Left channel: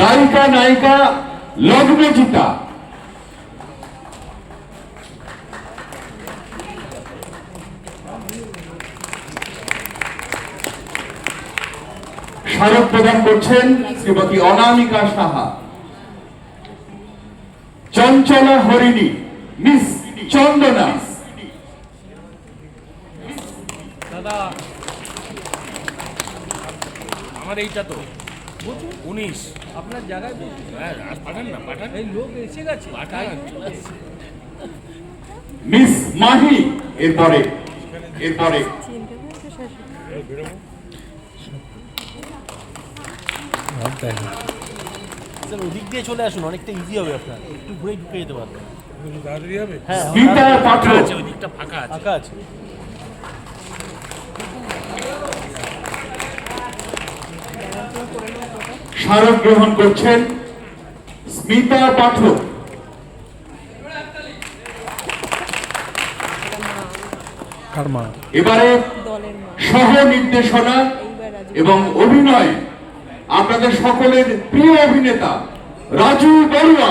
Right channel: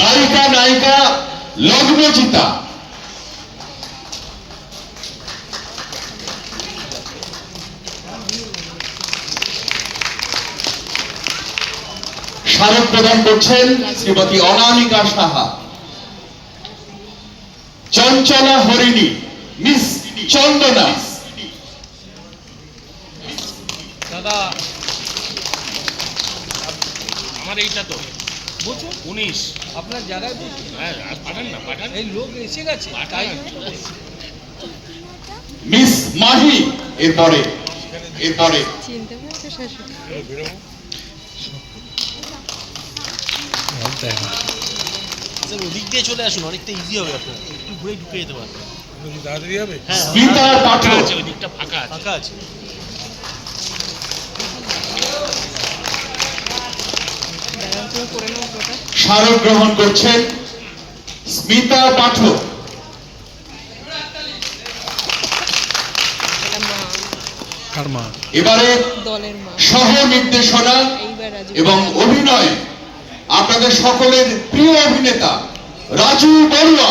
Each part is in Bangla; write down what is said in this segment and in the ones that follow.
গায়িকা নায়িকা, লগ্নজিতা। স্মারক প্রদান করছেন শ্রীমতী অনামিকা সাহা। চঞ্চলা হরিণী, মিস চন্দনা। দাদা, আমার এইটা তো। বলছো উনিশ। আপনার জায়গায় বসুন হ্যাঁ এই লোক এসে গেছে মিস মাহি এরপরে এরপরে। স্যার ওদিক দিয়ে চলে আসুন অনেকটা ইজি হবে আপনার। একটু ঘুরে ঢুকে যেতে পারবেন। তাড়াতাড়ি হবে? হ্যাঁ আছে ফাঁকা আছে। ফাঁকা আছে। স্মারক গ্রহণ করছেন স্মিতা পাঠক। এবারে সহ নির্দেশনা এবং অভিনয় আপনাদের সকলের প্রিয় অভিনেতা রাজু বড়ুয়া।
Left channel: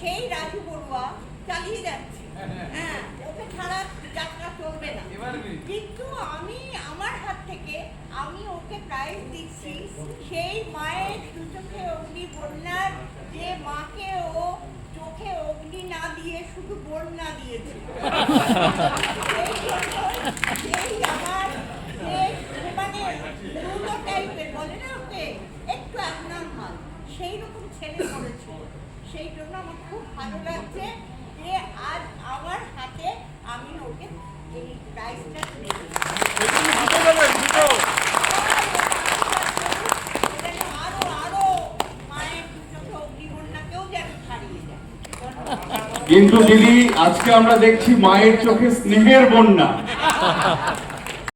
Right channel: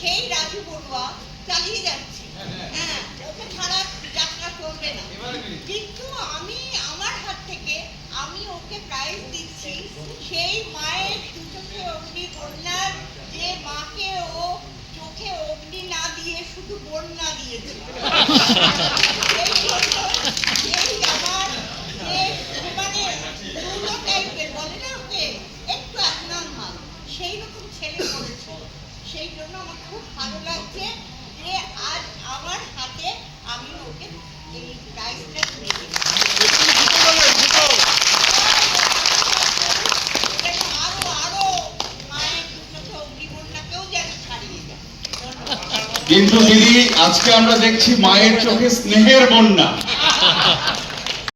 সেই রাজু বড়ুয়া চালিয়ে যাচ্ছে। হ্যাঁ ওকে ছাড়া যাত্রা চলবে না। কিন্তু আমি আমার হাত থেকে আমি ওকে প্রাইজ দিচ্ছি সেই মায়ের দু চোখে অগ্নি বন্যার যে মাকে ও চোখে অগ্নি না দিয়ে শুধু বন্যা দিয়েছে। সেই জন্য সেই আমার যে মানে দুটো টাইপের বলে না ওকে? একটু abnormal সেই রকম ছেলে পড়েছিল সেই জন্য আমার খুব ভালো লাগছে যে আজ আমার হাতে আমি ওকে এই প্রাইজটা তুলে কিন্তু দিদি, আজকে আমরা দেখছি মায়ের চোখে স্নেহের বন্যা।